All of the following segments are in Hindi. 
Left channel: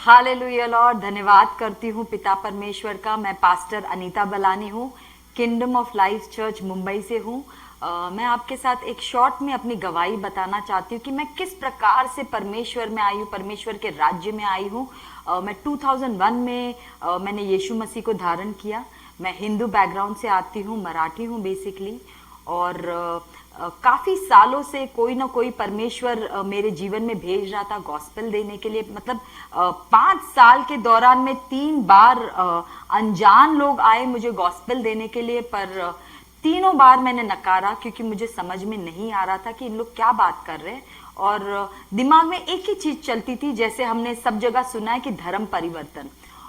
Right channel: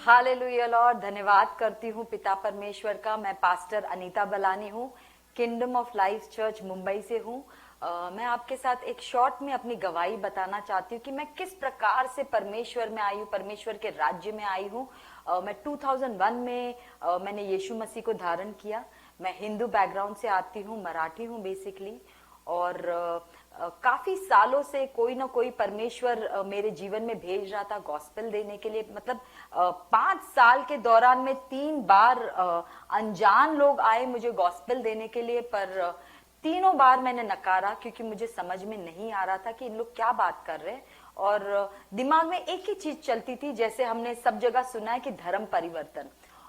हालेलुया लॉर्ड, धन्यवाद करती हूँ पिता परमेश्वर का। मैं पास्टर अनीता बलानी हूँ, kingdom of life church Mumbai से हूँ। मैं आपके साथ एक शॉर्ट में अपनी गवाही बताना चाहती हूँ कि मैं किस प्रकार से परमेश्वर में आई हूँ, परमेश्वर के राज्य में आई हूँ। मैं 2001 में मैंने यीशु मसीह को धारण किया। मैं हिंदू बैकग्राउंड से आती हूँ, मराठी हूँ बेसिकली। और काफी सालों से कोई ना कोई परमेश्वर मेरे जीवन में भेज रहा था गॉस्पेल देने के लिए। मतलब 5 साल के दौरान में 3 बार अनजान लोग आए मुझे गॉस्पेल देने के लिए, पर तीनों बार मैंने नकारा क्योंकि मुझे समझ में नहीं आ रहा था कि इन लोग क्या बात कर रहे हैं। और दिमाग में एक ही चीज चलती थी, जैसे हमने सब जगह सुना है कि धर्म परिवर्तन।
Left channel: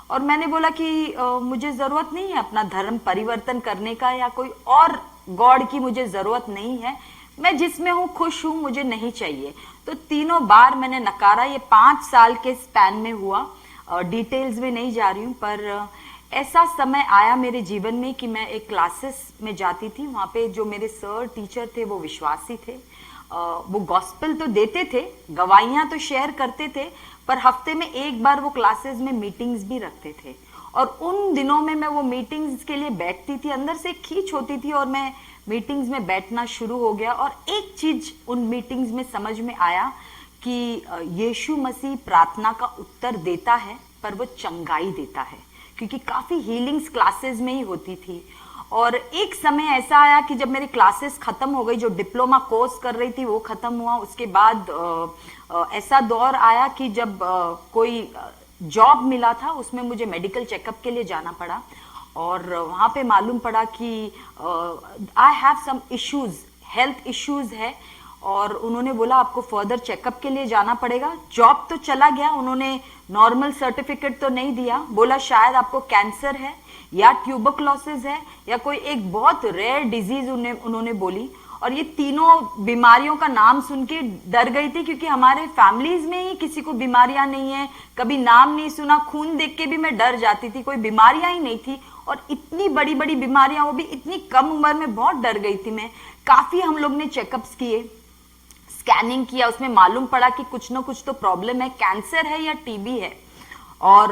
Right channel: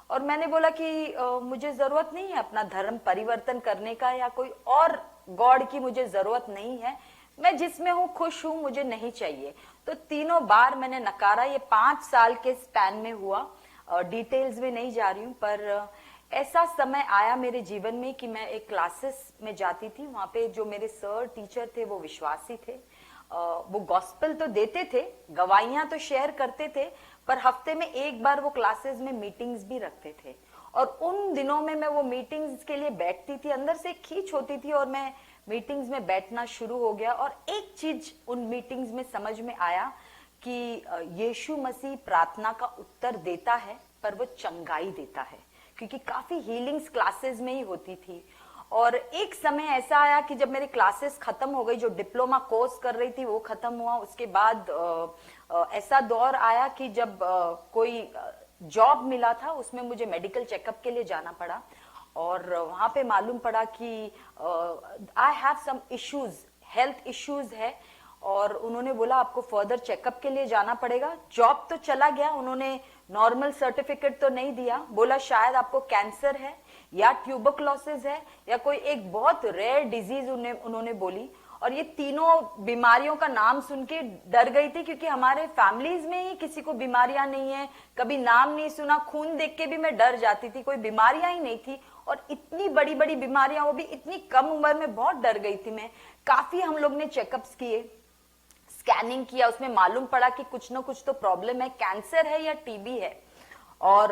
और मैंने बोला कि मुझे जरूरत नहीं है अपना धर्म परिवर्तन करने का, या कोई और गॉड की मुझे जरूरत नहीं है। मैं जिसमें हूँ खुश हूँ, मुझे नहीं चाहिए। तो तीनों बार मैंने नकारा। ये 5 साल के स्पैन में हुआ। डिटेल्स में नहीं जा रही हूँ, पर ऐसा समय आया मेरे जीवन में कि मैं एक क्लासेस में जाती थी। वहां पे जो मेरे सर टीचर थे वो विश्वासी थे। वो गॉस्पेल तो देते थे, गवाहियां तो शेयर करते थे, पर हफ्ते में एक बार वो क्लासेस में मीटिंग्स भी रखते थे। और उन दिनों में मैं वो मीटिंग्स के लिए बैठती थी, अंदर से खींच होती थी और मैं मीटिंग्स में बैठना शुरू हो गया। और एक चीज उन मीटिंग्स में समझ में आया कि यीशु मसीह प्रार्थना का उत्तर देता है, पर वो चंगाई देता है, क्योंकि काफी हीलिंग्स क्लासेस में ही होती थी। और एक समय ऐसा आया कि जब मेरी क्लासेस खत्म हो गई, जो डिप्लोमा कोर्स कर रही थी वो खत्म हुआ, उसके बाद ऐसा दौर आया कि जब कोई जॉब मिला था, उसमें मुझे मेडिकल चेकअप के लिए जाना पड़ा। और वहां पे मालूम पड़ा कि I have some issues, health issues है। और उन्होंने बोला आपको फर्दर चेकअप के लिए जाना पड़ेगा। जॉब तो चला गया, उन्होंने नॉर्मल सर्टिफिकेट तो नहीं दिया। बोला शायद आपको कैंसर है या ट्यूबरक्लोसिस है या कोई एक बहुत रेयर डिजीज उन्होंने बोली। और ये तीनों बीमारियों का नाम सुन के डर गई थी, क्योंकि हमारे फैमिलीज में ही किसी को बीमारियां नहीं है, कभी नाम नहीं सुना। खून देख के भी मैं डर जाती थी, कोई बीमारियां ही नहीं थी। और इतनी बड़ी बड़ी बीमारियां, वो भी इतनी कम उम्र में, बहुत डर गई थी मैं। काफी हम लोग ने चेकअप्स किए, स्कैनिंग किया, उसमें मालूम पड़ा कि कुछ ना कुछ तो प्रॉब्लम है, कैंसर है या टीबी है। और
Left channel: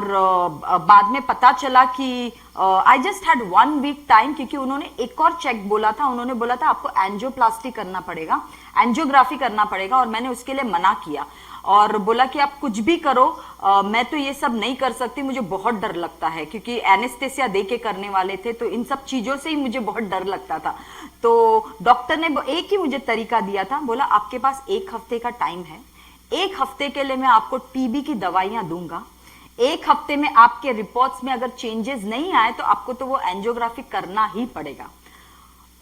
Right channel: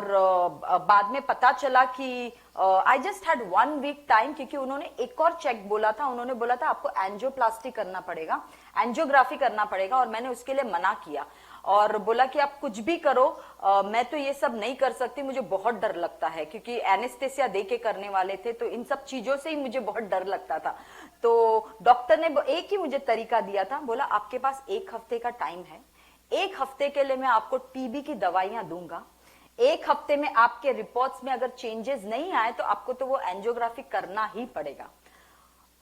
बाद में पता चला कि I just had 1 week time, क्योंकि उन्होंने एक और चेक बोला था। उन्होंने बोला था आपको एंजियोप्लास्टी करना पड़ेगा, एंजियोग्राफी करना पड़ेगा। और मैंने उसके लिए मना किया और बोला कि आप कुछ भी करो, मैं तो ये सब नहीं कर सकती, मुझे बहुत डर लगता है, क्योंकि एनेस्थेसिया दे के करने वाले थे, तो इन सब चीजों से ही मुझे बहुत डर लगता था। तो डॉक्टर ने एक ही मुझे तरीका दिया था, बोला आपके पास 1 हफ्ते का टाइम है, 1 हफ्ते के लिए मैं आपको टीबी की दवाइयां दूंगा। 1 हफ्ते में आपके रिपोर्ट्स में अगर चेंजेस नहीं आए तो आपको तो वो एंजियोग्राफी करना ही पड़ेगा।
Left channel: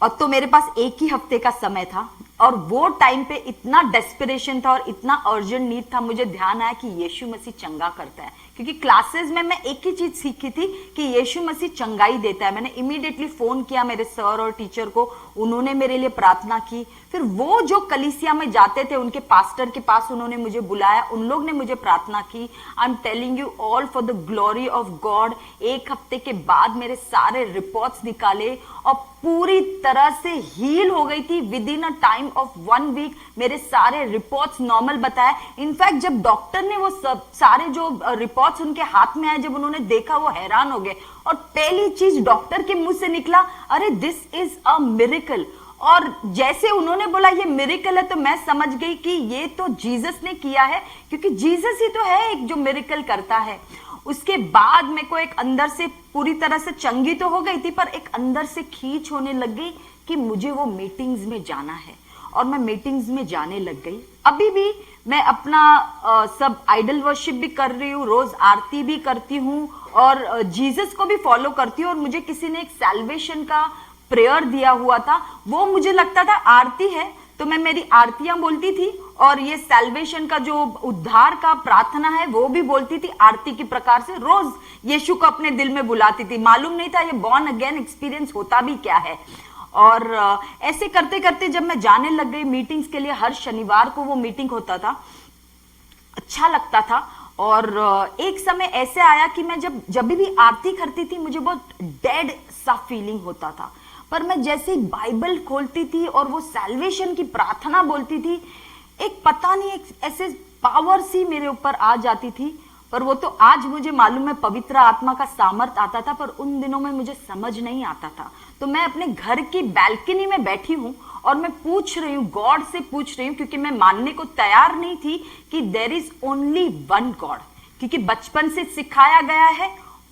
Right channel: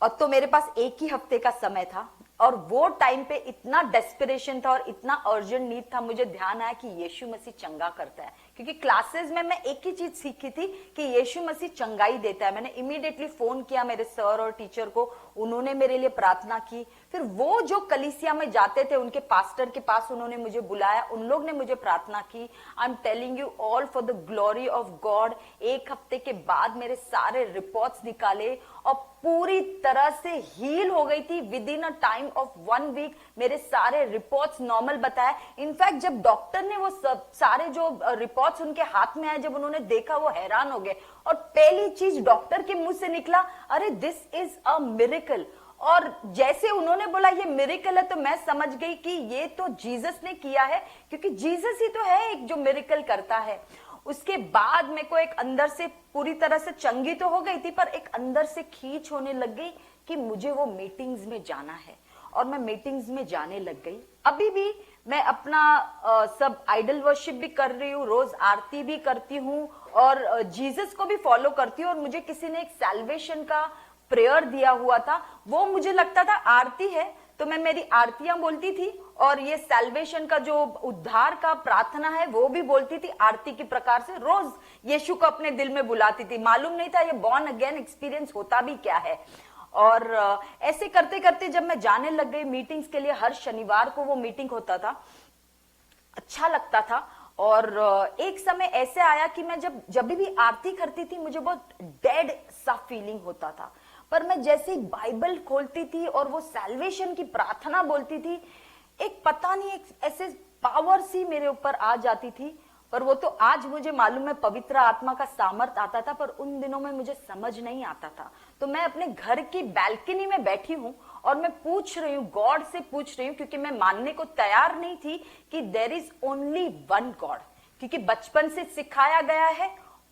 और तो मेरे पास 1 ही हफ्ते का समय था, और वो टाइम पे इतना डेस्परेशन था और इतना अर्जेंट नीड था। मुझे ध्यान आया कि यीशु मसीह चंगा करता है, क्योंकि क्लासेस में मैं एक ही चीज सीखी थी कि यीशु मसीह चंगाई देता है। मैंने इमीडिएटली फोन किया मेरे सर और टीचर को, उन्होंने मेरे लिए प्रार्थना की। फिर वो जो कलीसिया में जाते थे उनके पास्टर के पास उन्होंने मुझे बुलाया, उन लोग ने मुझे प्रार्थना की। I am telling you all for the glory of God. 1 हफ्ते के बाद मेरे सारे रिपोर्ट्स निकाले और पूरी तरह से हील हो गई थी। With in a time of 1 week मेरे सारे रिपोर्ट्स नॉर्मल बताए। इनफैक्ट जब डॉक्टर ने वो सब सारे जो रिपोर्ट्स उनके हाथ में आए, जब उन्होंने देखा, वो हैरान हो गए। और पहली चीज डॉक्टर के मुंह से निकला, अरे दिस इज अ मिरेकल। और जैसे उन्होंने बोला ये मिरेकल है, तो मैं समझ गई कि ये तो जीसस ने किया है, क्योंकि जीसस ही तो है एक जो मिरेकल करता है। उसके बाद मेरे को एक अंदर से, पूरी तरह से चंगी तो हो गई थी, पर एक अंदर से खींच होने लग गई कि मुझे वो मीटिंग्स में जाना है। और मैं मीटिंग्स में जाने लग गई। अभी भी मैं अपना सब आइडल वर्शिप भी कर रही हूँ, रोज आरती भी करती हूँ और जीसस को भी फॉलो करती हूँ। और मुझे किसी ने एक सैल्वेशन का प्रेयर दिया हुआ था, वो मुझे लगता था आरती है, तो मैं मेरी आरतियां बोलती थी। और ये सैल्वेशन का जो उद्धार का प्रार्थना है वो भी बोलती थी आरती की प्रकार से। रोज यीशु को अपने दिल में बुलाती थी। मालूम नहीं था ये बॉर्न अगेन एक्सपीरियंस होता भी क्या है। और ऐसे करते करते जब मैं जाने लग गई मीटिंग्स के लिए, हर शनिवार को वो मीटिंग होता था, अच्छा लगता था। और एक समय ऐसे आया कि मैं जब भी आरती करती थी, मुझे बहुत डेड सा फीलिंग होता था। पर मैं जैसे ही बाइबल खोलती थी और वो सैल्वेशन की प्रार्थना बोलती थी, एक पता नहीं, एक ऐसे पावर सी मेरे ऊपर आ जाती थी पर वो तो आज मुझे मालूम है पवित्र आत्मा का सामर्थ आता था, पर उन दिनों में मुझे समझ नहीं आता था। तो मैं अपने घर की बैल्कनी में बैठी हूँ और मैं पूछ रही हूँ, गॉड से पूछ रही हूँ, क्योंकि मैं मानने को तैयार नहीं थी कि there is only one God. क्योंकि बचपन से सिखाया गया है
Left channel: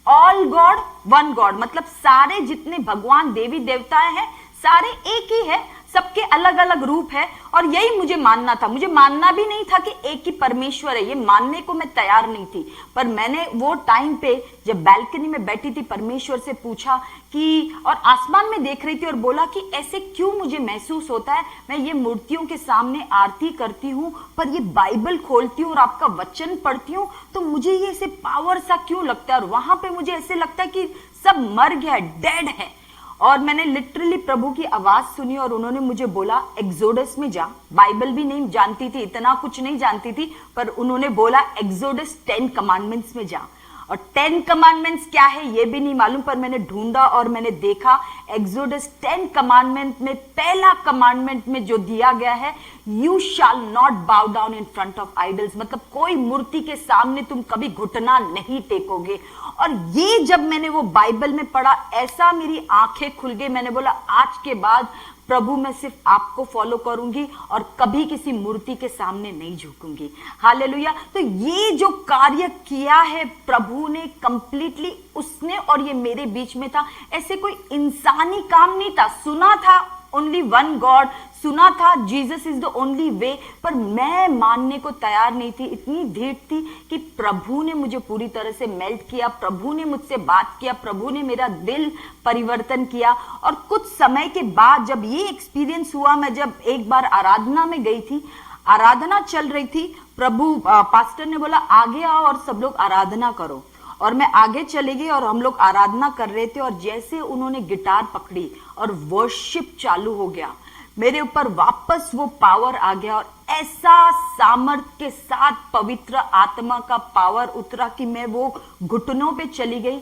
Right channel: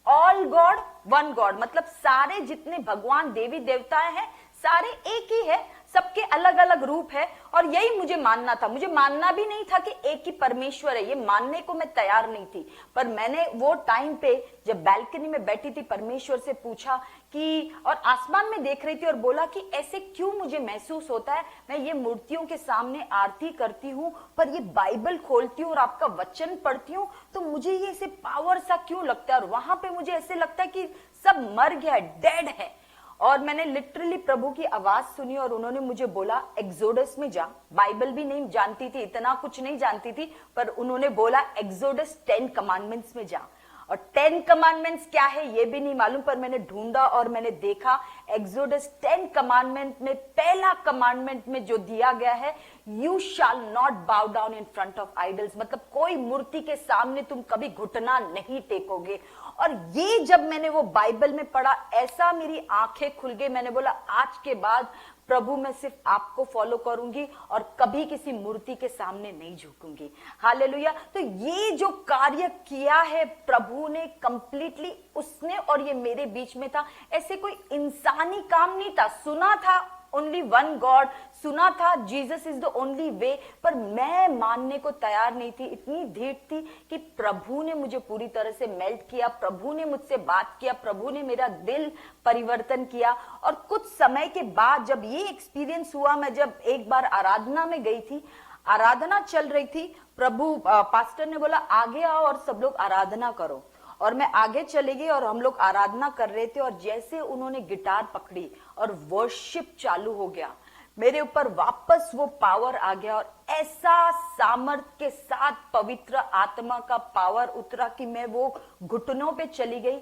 ऑल गॉड वन गॉड, मतलब सारे जितने भगवान देवी देवताएं हैं सारे एक ही है, सबके अलग अलग रूप है। और यही मुझे मानना था, मुझे मानना भी नहीं था कि एक ही परमेश्वर है, ये मानने को मैं तैयार नहीं थी। पर मैंने वो टाइम पे जब बैल्कनी में बैठी थी परमेश्वर से पूछा कि, और आसमान में देख रही थी और बोला कि ऐसे क्यों मुझे महसूस होता है, मैं ये मूर्तियों के सामने आरती करती हूँ पर ये बाइबल खोलती हूँ और आपका वचन पढ़ती हूँ तो मुझे ये ऐसे पावर सा क्यों लगता है, और वहां पे मुझे ऐसे लगता है कि सब मर गया है, डेड है। और मैंने लिटरली प्रभु की आवाज सुनी और उन्होंने मुझे बोला एक्सोडस में जा। बाइबल भी नहीं जानती थी, इतना कुछ नहीं जानती थी, पर उन्होंने बोला एक्सोडस 10 कमांडमेंट्स में जा। और 10 कमांडमेंट्स क्या है ये भी नहीं मालूम, पर मैंने ढूंढा और मैंने देखा एक्सोडस 10 कमांडमेंट में पहला कमांडमेंट में जो दिया गया है, यू शैल नॉट बाउ down in front of idols, मतलब कोई मूर्ति के सामने तुम कभी घुटना नहीं टेकोगे। और ये जब मैंने वो बाइबल में पढ़ा, ऐसा मेरी आंखें खुल गई, मैंने बोला आज के बाद प्रभु मैं सिर्फ आपको फॉलो करूंगी और कभी किसी मूर्ति के सामने नहीं झुकूंगी। हालेलुया। तो ये जो कार्य किया है प्रभु ने कंप्लीटली, उसने, और ये मेरे बीच में था, ऐसे कोई इंसानी काम नहीं था। सुना था ओनली वन गॉड, सुना था Jesus is the only way, पर मैं मानने को तैयार नहीं थी। इतनी ढीठ थी कि प्रभु ने मुझे पूरी तरह से मेल्ट किया, प्रभु ने मुझसे बात किया, प्रभु ने मेरा दिल परिवर्तन किया। और कुछ समय के बाद जब ये एक्सपीरियंस हुआ, मैं जब एक बार आराधना में गई थी, आराधना चल रही थी, प्रभु पास्टर ने बोला आगे आओ और सब लोग आराधना करो। और मैं आगे चली गई और हम लोग आराधना कर रहे थे, और जैसे उन्होंने गिटार पकड़ी और वर्शिप चालू हो गया, मेरे ऊपर वापस वो पावर आ गया और ऐसा सामर्थ्य के साथ पवित्र आत्मा का पावर उतरा कि मैं वो घुटनों पे चली गई,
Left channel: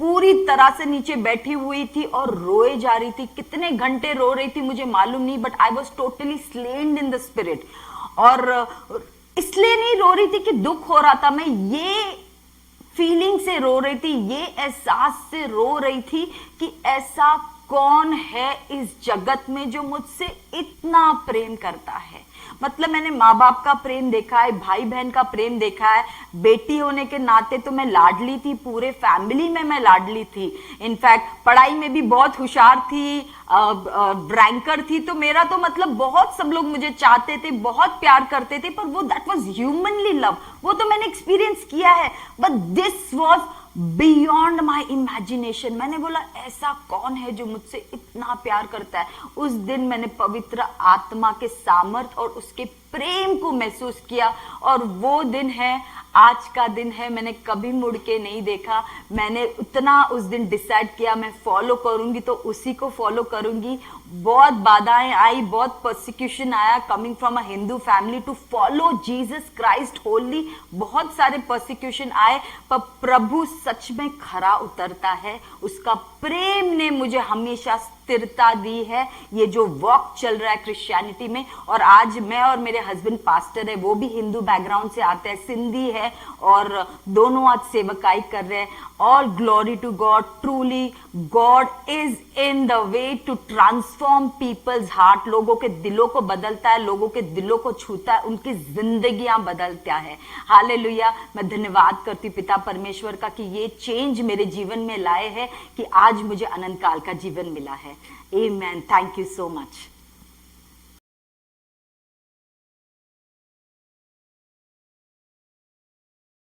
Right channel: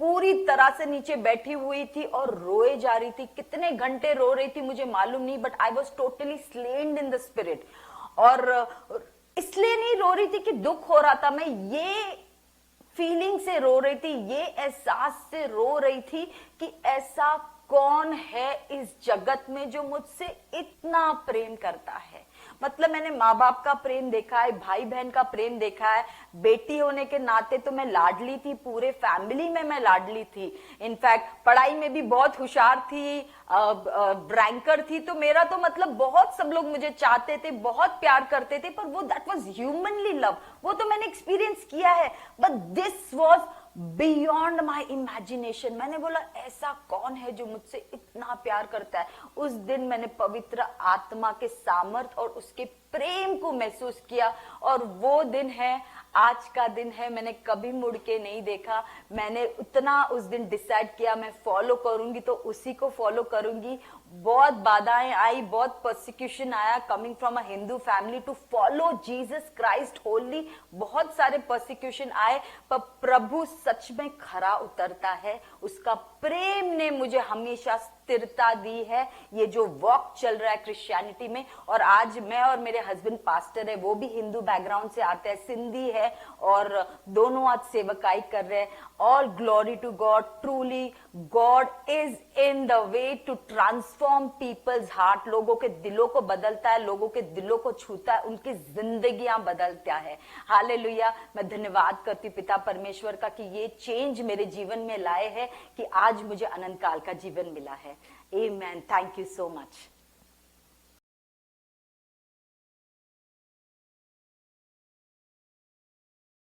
पूरी तरह से नीचे बैठी हुई थी और रोए जा रही थी। कितने घंटे रो रही थी मुझे मालूम नहीं, but I was totally slain in the spirit. और इसलिए नहीं रो रही थी कि दुख हो रहा था, मैं ये फीलिंग से रो रही थी, ये एहसास से रो रही थी कि ऐसा कौन है इस जगत में जो मुझसे इतना प्रेम करता है। मतलब मैंने माँ बाप का प्रेम देखा है, भाई बहन का प्रेम देखा है, बेटी होने के नाते तो मैं लाडली थी, पूरे फैमिली में मैं लाडली थी। इनफैक्ट पढ़ाई में भी बहुत होशियार थी, रैंकर थी, तो मेरा तो मतलब बहुत सब लोग मुझे चाहते थे, बहुत प्यार करते थे, पर वो दैट वाज ह्यूमनली लव, वो तो मैंने एक्सपीरियंस किया है, but this was beyond my imagination. मैंने बोला ऐसा कौन है जो मुझसे इतना प्यार करता है। उस दिन मैंने पवित्र आत्मा के सामर्थ और उसके प्रेम को महसूस किया, और वो दिन है, आज का दिन है। मैंने कभी मुड़ के नहीं देखा। मैंने उतना उस दिन डिसाइड किया मैं फॉलो करूंगी तो उसी को फॉलो करूंगी। बहुत बाधाएं आई, बहुत परसिक्यूशन आया, coming from a Hindu family to follow Jesus Christ holy, बहुत सारे परसिक्यूशन आए, पर प्रभु सच में खरा उतरता है। उसका प्रेम ने मुझे हमेशा स्थिरता दी है। ये जो वॉक चल रहा है क्रिश्चियनिटी में, और आज मैं और मेरे हस्बैंड पास्टर है, वो भी हिंदू बैकग्राउंड से आते हैं, सिंधी है, और दोनों आज सेवकाई कर रहे हैं। All glory to God, truly God is in the way to transform people's heart. लोगों के दिलों को बदलता है, लोगों के दिलों को छूता है, उनकी जिंदगियां बदलता है। हालेलुया। मैं धन्यवाद करती पिता परमेश्वर का कि ये चेंज मेरे जीवन में लाए है कि आज मुझे अनंत काल का जीवन मिला है। Amen. Thank you so much.